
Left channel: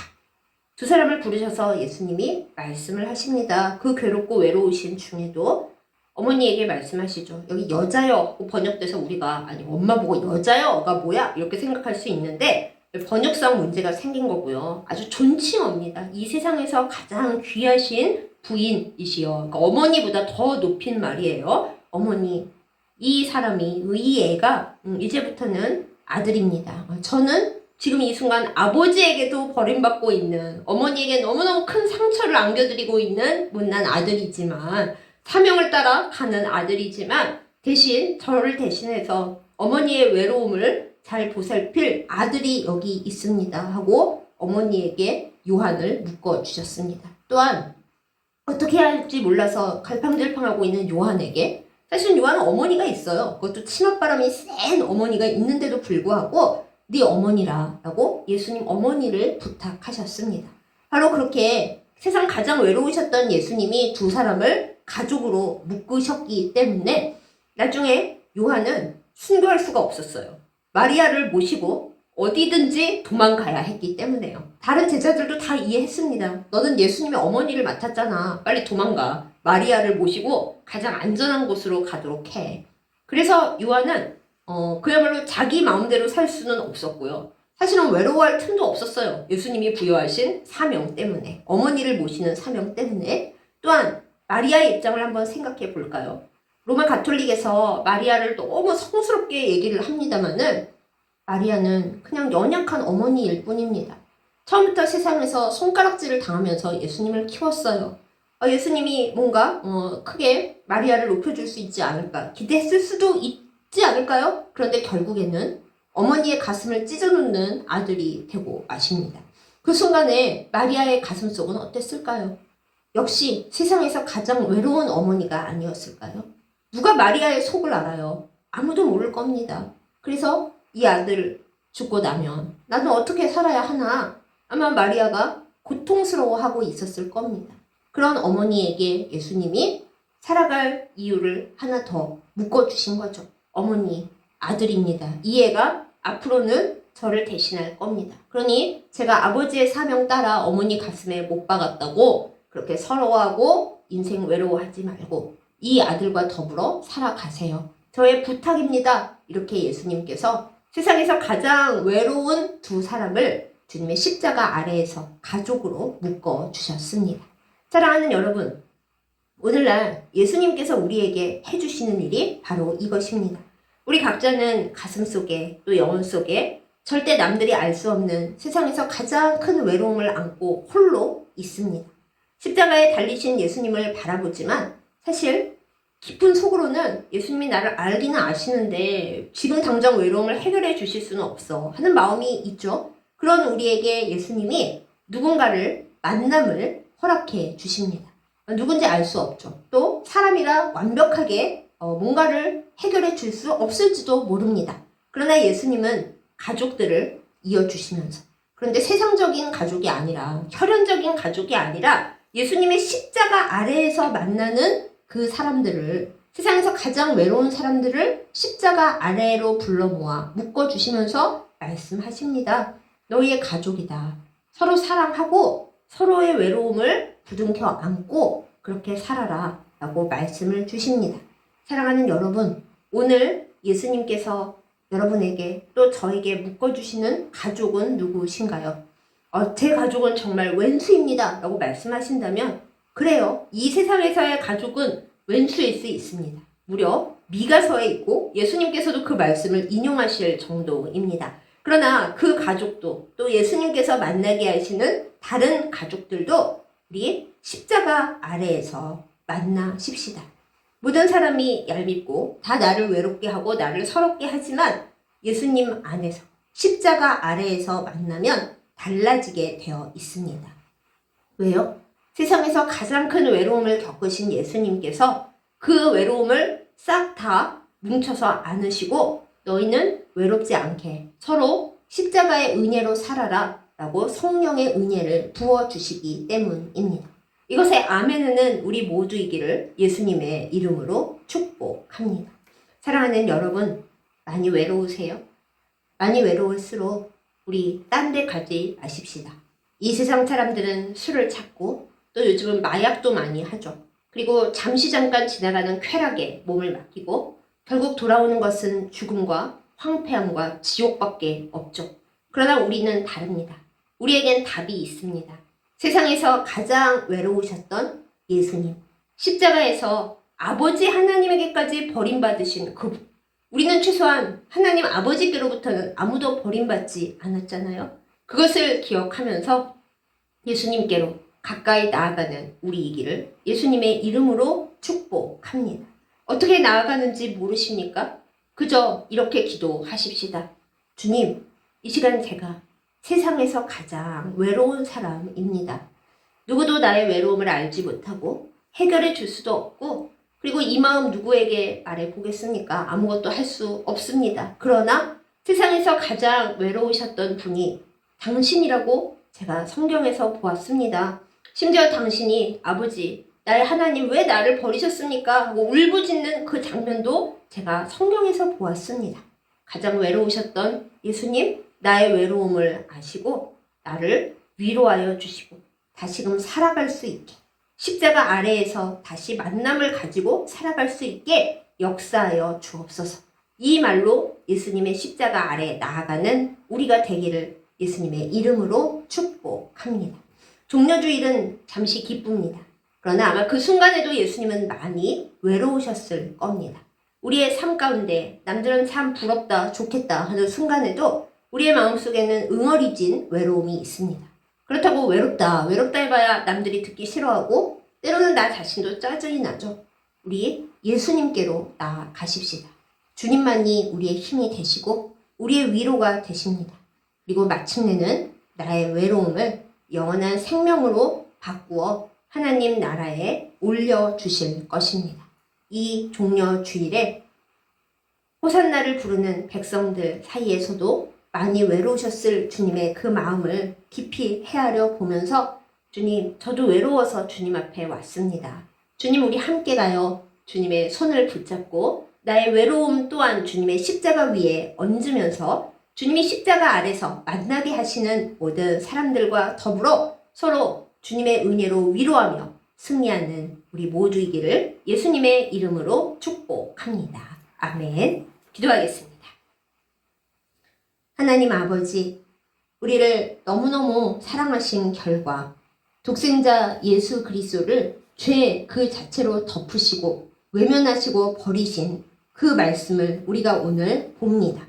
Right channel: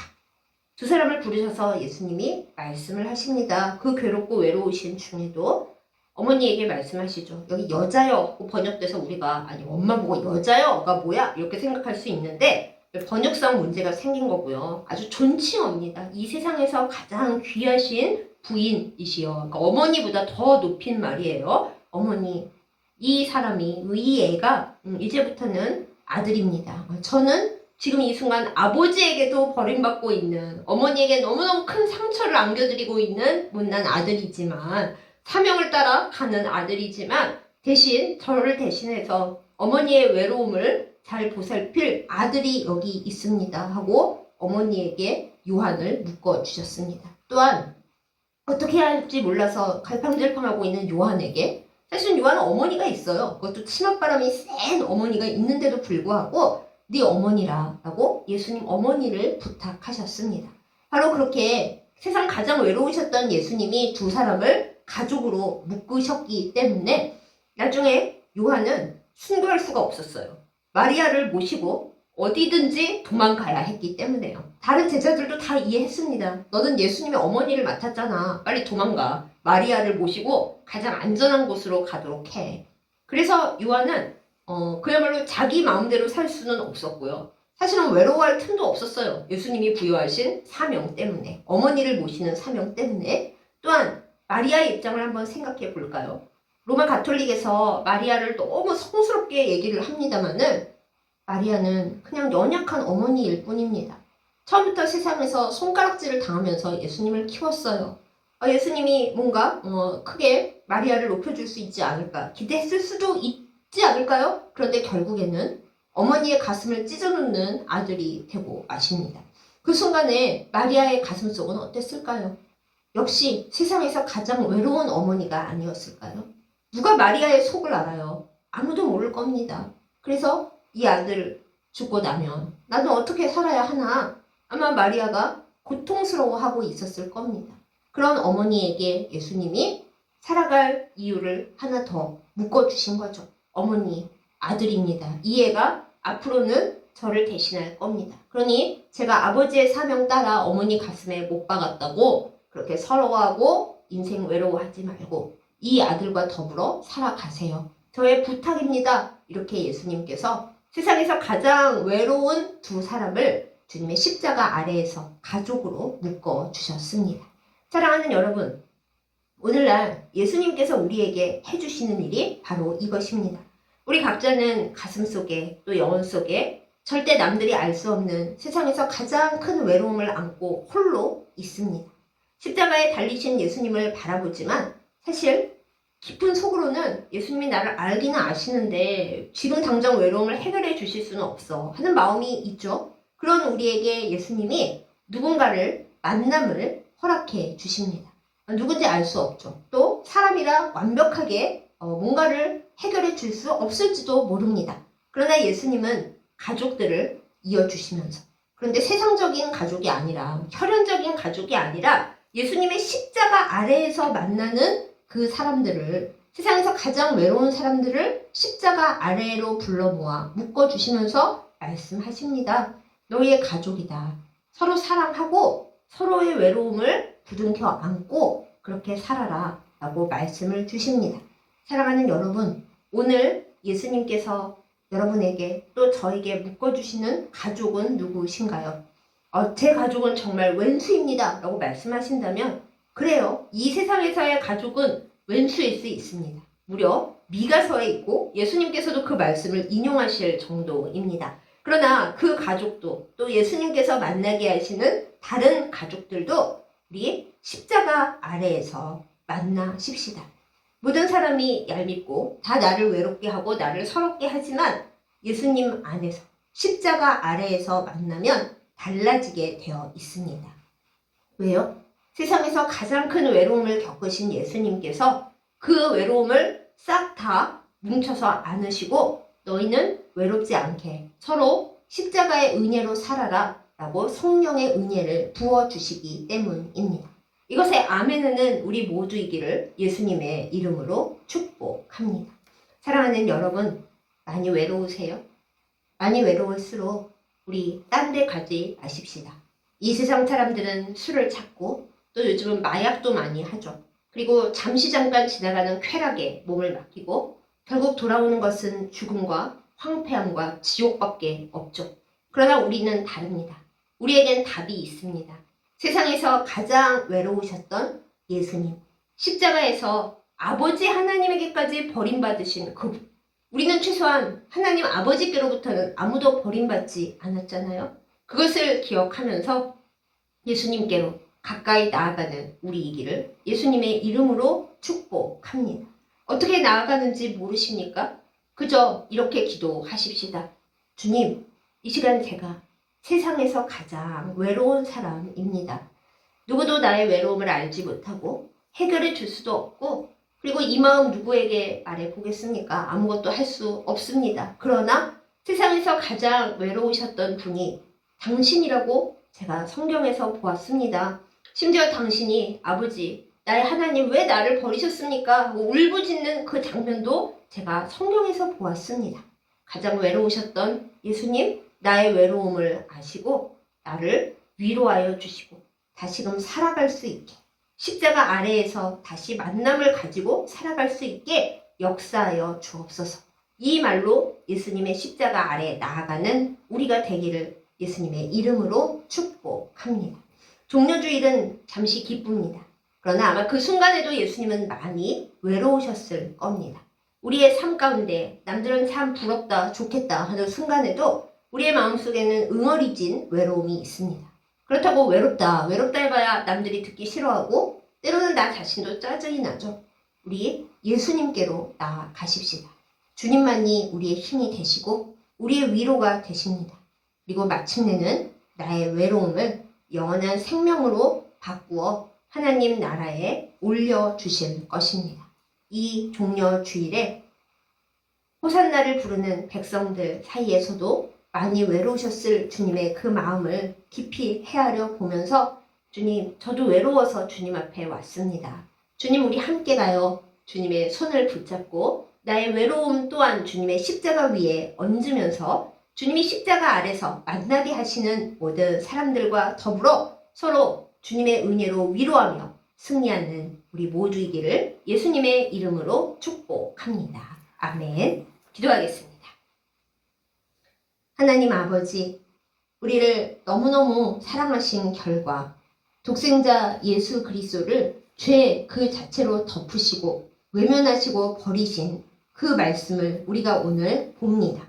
두 사람을 부르셔서 예수님이 말씀을 하십니다. 그 괴롭고 외로우신 중에도 어머니에게 말씀하시죠. 여기 여자여 번역돼서 우리가 아니 엄마 보고 여자여가 뭐야? 이렇게 생각할 수 있는데 번역상 문제가 생긴 거고요. 아주 존칭어입니다. 이 세상에서 가장 귀하신 부인이시여. 그러니까 어머니보다 더 높인 말이에요. 어머니, 이 사람이, 이 애가 이제부터는 아들입니다. 저는 지금 이 순간 아버지에게도 버림받고 있는 어머니에게 너무너무 큰 상처를 안겨드리고 있는 못난 아들이지만 사명을 따라 가는 아들이지만 대신 저를 대신해서 어머니의 외로움을 잘 보살필 아들이 여기 있습니다 하고 어머니에게 요한을 묶어주셨습니다. 또한 어떻게 해야 할지 몰라서 갈팡질팡하고 있는 요한에게 사실 요한은 어머니가 있어요. 그것도 치맛바람이 센 어머니가 있는데도 불구하고 네 어머니라 라고 예수님 어머니를 부탁하셨습니다. 바로 그렇게 세상 가장 외로우셨던 예수님이 두 사람을 가족으로 묶으셨기 때문에 나중에 요한은 순교할 수가 없었어요. 마리아를 모시고 어디든지 도망가야 했기 때문에요. 다른 제자들도 다 이해했습니다. 너는 예수님의 어머니를 맡았잖아. 빨리 도망가. 마리아를 모시고 가장 안전한 곳으로 가도록 해. 그래서 요한은 그야말로 자기 마음대로 살 수는 없었고요. 사실은 외로워할 틈도 없었어요. 예수님이 부여하신 사명 때문에. 어머니를 모시는 사명 때문에. 또한 마리아의 입장을 한번 생각해 볼까요? 로마 가톨릭에서 마리아를 너무 성스럽게 얘기를 합니다마는 마리아는 그냥 연약한 어머니일 뿐입니다. 처음부터 세상에서 손가락질을 당하면서 예수님을 키웠어요. 예수님이 뭔가 크게 마리아를 높여줄 수 있지 않을까 기대했을 수도 있지 않을까요? 그런데 결국에는 어머니의 가슴을 찢어놓는 아들이 되고 마십니다. 그 순간에 마리아의 가슴속은 어땠을까요? 역시 세상에서 가장 외로운 어머니가 아니었을까요? 누가 마리아의 속을 알아요? 아무도 모를 겁니다. 그래서 이 아들 죽고 나면 나는 어떻게 살아야 하나? 아마 마리아가 고통스러워하고 있었을 겁니다. 그런 어머니에게 예수님이 살아갈 이유를 하나 더 묶어주신 거죠. 어머니, 아들입니다. 이 애가 앞으로는 저를 대신할 겁니다. 그러니 제가 아버지의 사명 따라 어머니 가슴에 못 박았다고 그렇게 서러워하고 인생 외로워하지 말고 이 아들과 더불어 살아가세요. 저의 부탁입니다. 이렇게 예수님께서 세상에서 가장 외로운 두 사람을 주님의 십자가 아래에서 가족으로 묶어주셨습니다. 사랑하는 여러분, 오늘날 예수님께서 우리에게 해주시는 일이 바로 이것입니다. 우리 각자는 가슴속에 또 영혼 속에 절대 남들이 알 수 없는 세상에서 가장 큰 외로움을 안고 홀로 있습니다. 십자가에 달리신 예수님을 바라보지만 사실 깊은 속으로는 예수님이 나를 알기는 아시는데 지금 당장 외로움을 해결해 주실 수는 없어 하는 마음이 있죠. 그런 우리에게 예수님이 누군가를 만남을 허락해 주십니다. 누군지 알 수 없죠. 또 사람이라 완벽하게 뭔가를 해결해 줄 수 없을지도 모릅니다. 그러나 예수님은 가족들을 이어주시면서 그런데 세상적인 가족이 아니라 혈연적인 가족이 아니라 예수님의 십자가 아래에서 만나는 그 사람들을 세상에서 가장 외로운 사람들을 십자가 아래로 불러 모아 묶어주시면서 말씀하십니다. 너희의 가족이다. 서로 사랑하고 서로의 외로움을 부둥켜 안고 그렇게 살아라 라고 말씀을 주십니다. 사랑하는 여러분, 오늘 예수님께서 여러분에게 또 저에게 묶어주시는 가족은 누구신가요? 제 가족은 정말 왼수입니다 라고 말씀하신다면 그래요. 이 세상에서의 가족은 왼수일 수 있습니다. 무려 미가서에 있고 예수님께서도 그 말씀을 인용하실 정도입니다. 그러나 그 가족도 또 예수님께서 만나게 하시는 다른 가족들도 우리 십자가 아래에서 만나십시다. 모든 사람이 얄밉고 다 나를 외롭게 하고 나를 서럽게 하지만 예수님 안에서 십자가 아래에서 만나면 달라지게 되어 있습니다. 왜요? 세상에서 가장 큰 외로움을 겪으신 예수님께서 그 외로움을 싹 다 뭉쳐서 안으시고 너희는 외롭지 않게 서로 십자가의 은혜로 살아라 라고 성령의 은혜를 부어주시기 때문입니다. 이것의 아멘은 우리 모두이기를 예수님의 이름으로 축복합니다. 사랑하는 여러분, 많이 외로우세요? 많이 외로울수록 우리 딴 데 가지 마십시다. 이 세상 사람들은 술을 찾고 또 요즘은 마약도 많이 하죠. 그리고 잠시 잠깐 지나가는 쾌락에 몸을 맡기고 결국 돌아오는 것은 죽음과 황폐함과 지옥밖에 없죠. 그러나 우리는 다릅니다. 우리에겐 답이 있습니다. 세상에서 가장 외로우셨던 예수님, 십자가에서 아버지 하나님에게까지 버림받으신 그분. 우리는 최소한 하나님 아버지께로부터는 아무도 버림받지 않았잖아요. 그것을 기억하면서 예수님께로 가까이 나아가는 우리이기를 예수님의 이름으로 축복합니다. 어떻게 나아가는지 모르십니까? 그저 이렇게 기도하십시다. 주님, 이 시간 제가 세상에서 가장 외로운 사람입니다. 누구도 나의 외로움을 알지 못하고 해결해 줄 수도 없고 그리고 이 마음 누구에게 말해보겠습니까? 아무것도 할 수 없습니다. 그러나 세상에서 가장 외로우셨던 분이 당신이라고 제가 성경에서 보았습니다. 심지어 당신이 아버지, 나의 하나님 왜 나를 버리셨습니까? 하고 울부짖는 그 장면도 제가 성경에서 보았습니다. 가장 외로우셨던 예수님, 나의 외로움을 아시고 나를 위로하여 주시고 다시금 살아갈 수 있게 십자가 아래에서 다시 만남을 가지고 살아갈 수 있게 역사하여 주옵소서. 이 말로 예수님의 십자가 아래에 나아가는 우리가 되기를 예수님의 이름으로 축복합니다. 종려주일은 잠시 기쁩니다. 그러나 아마 그 순간에도 예수님은 많이 외로우셨을 겁니다. 우리의 삶 가운데 남들은 참 부럽다, 좋겠다 하는 순간에도 우리의 마음속에는 응어리진 외로움이 있습니다. 그렇다고 외롭다 해봐야 남들이 듣기 싫어하고 때로는 나 자신도 짜증이 나죠. 우리 예수님께로 나아가십시다. 주님만이 우리의 힘이 되시고 우리의 위로가 되십니다. 그리고 마침내는 나의 외로움을 영원한 생명으로 바꾸어 하나님 나라에 올려주실 것입니다. 이 종려 주일에 호산나를 부르는 백성들 사이에서도 많이 외로우셨을 주님의 그 마음을 깊이 헤아려 보면서 주님, 저도 외로워서 주님 앞에 왔습니다. 주님, 우리 함께 가요. 주님의 손을 붙잡고 나의 외로움 또한 주님의 십자가 위에 얹으면서 주님이 십자가 아래서 만나게 하시는 모든 사람들과 더불어 서로 주님의 은혜로 위로하며 승리하는 우리 모두이기를 예수님의 이름으로 축복합니다. 아멘. 기도하겠습니다. 하나님 아버지, 우리를 너무너무 사랑하신 결과 독생자 예수 그리스도를 죄 그 자체로 덮으시고 외면하시고 버리신 그 말씀을 우리가 오늘 봅니다.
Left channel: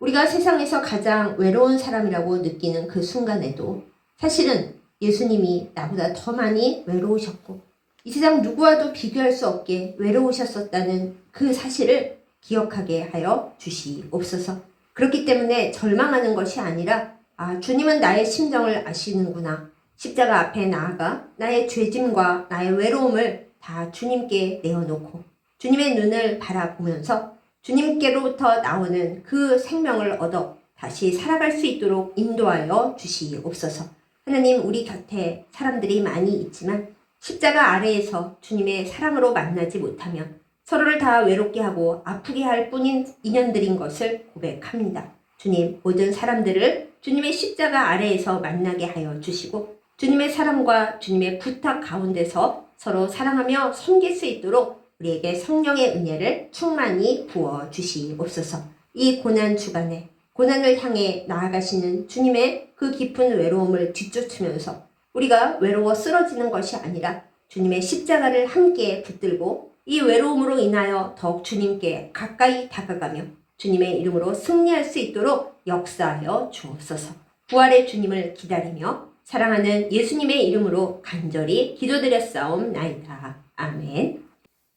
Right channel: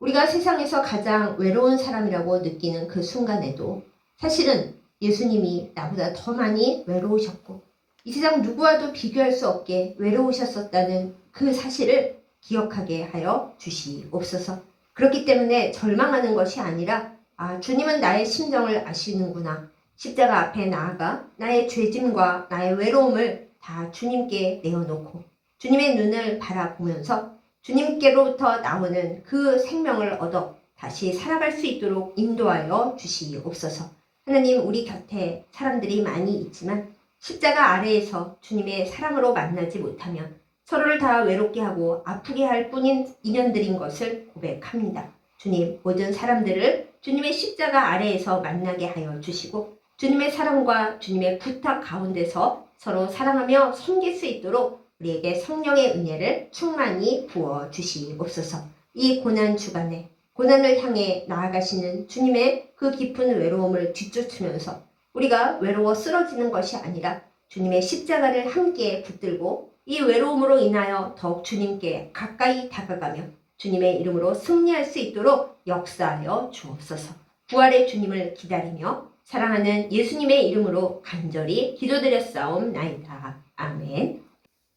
우리가 세상에서 가장 외로운 사람이라고 느끼는 그 순간에도 사실은 예수님이 나보다 더 많이 외로우셨고 이 세상 누구와도 비교할 수 없게 외로우셨었다는 그 사실을 기억하게 하여 주시옵소서. 그렇기 때문에 절망하는 것이 아니라 주님은 나의 심정을 아시는구나. 십자가 앞에 나아가 나의 죄짐과 나의 외로움을 다 주님께 내어놓고 주님의 눈을 바라보면서 주님께로부터 나오는 그 생명을 얻어 다시 살아갈 수 있도록 인도하여 주시옵소서. 하나님, 우리 곁에 사람들이 많이 있지만 십자가 아래에서 주님의 사랑으로 만나지 못하며 서로를 다 외롭게 하고 아프게 할 뿐인 인연들인 것을 고백합니다. 주님, 모든 사람들을 주님의 십자가 아래에서 만나게 하여 주시고 주님의 사랑과 주님의 부탁 가운데서 서로 사랑하며 섬길 수 있도록 우리에게 성령의 은혜를 충만히 부어 주시옵소서. 이 고난 주간에 고난을 향해 나아가시는 주님의 그 깊은 외로움을 뒤쫓으면서 우리가 외로워 쓰러지는 것이 아니라 주님의 십자가를 함께 붙들고 이 외로움으로 인하여 더욱 주님께 가까이 다가가며 주님의 이름으로 승리할 수 있도록 역사하여 주옵소서. 부활의 주님을 기다리며 사랑하는 예수님의 이름으로 간절히 기도드렸사옵나이다. 아멘.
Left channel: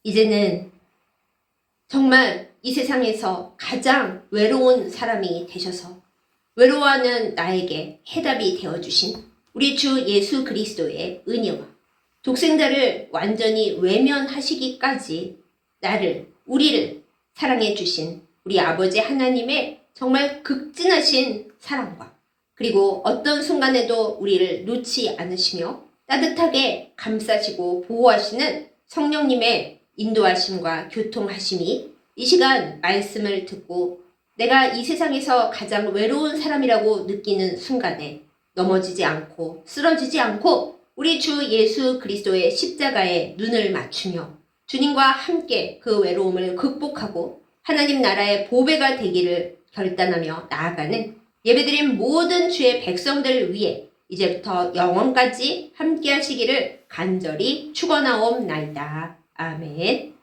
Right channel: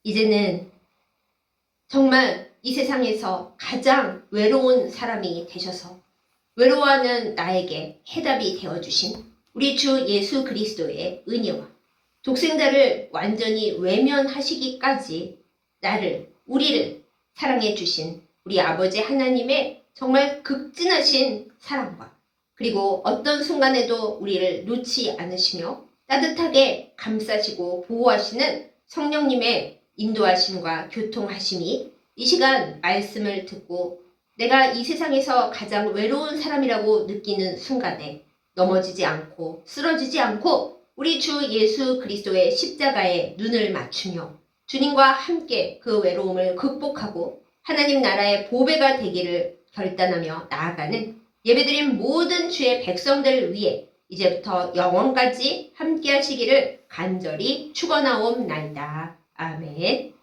이제는 정말 이 세상에서 가장 외로운 사람이 되셔서 외로워하는 나에게 해답이 되어주신 우리 주 예수 그리스도의 은혜와 독생자를 완전히 외면하시기까지 우리를 사랑해 주신 우리 아버지 하나님의 정말 극진하신 사랑과 그리고 어떤 순간에도 우리를 놓지 않으시며 따뜻하게 감싸시고 보호하시는 성령님의 인도하심과 교통하심이 이 시간 말씀을 듣고 내가 이 세상에서 가장 외로운 사람이라고 느끼는 순간에 넘어지지 않고 쓰러지지 않고 우리 주 예수 그리스도의 십자가에 눈을 맞추며 주님과 함께 그 외로움을 극복하고 하나님 나라의 보배가 되기를 결단하며 나아가는 예배드린 모든 주의 백성들을 위해 이제부터 영원까지 함께 하시기를 간절히 축원하옵나이다. 아멘.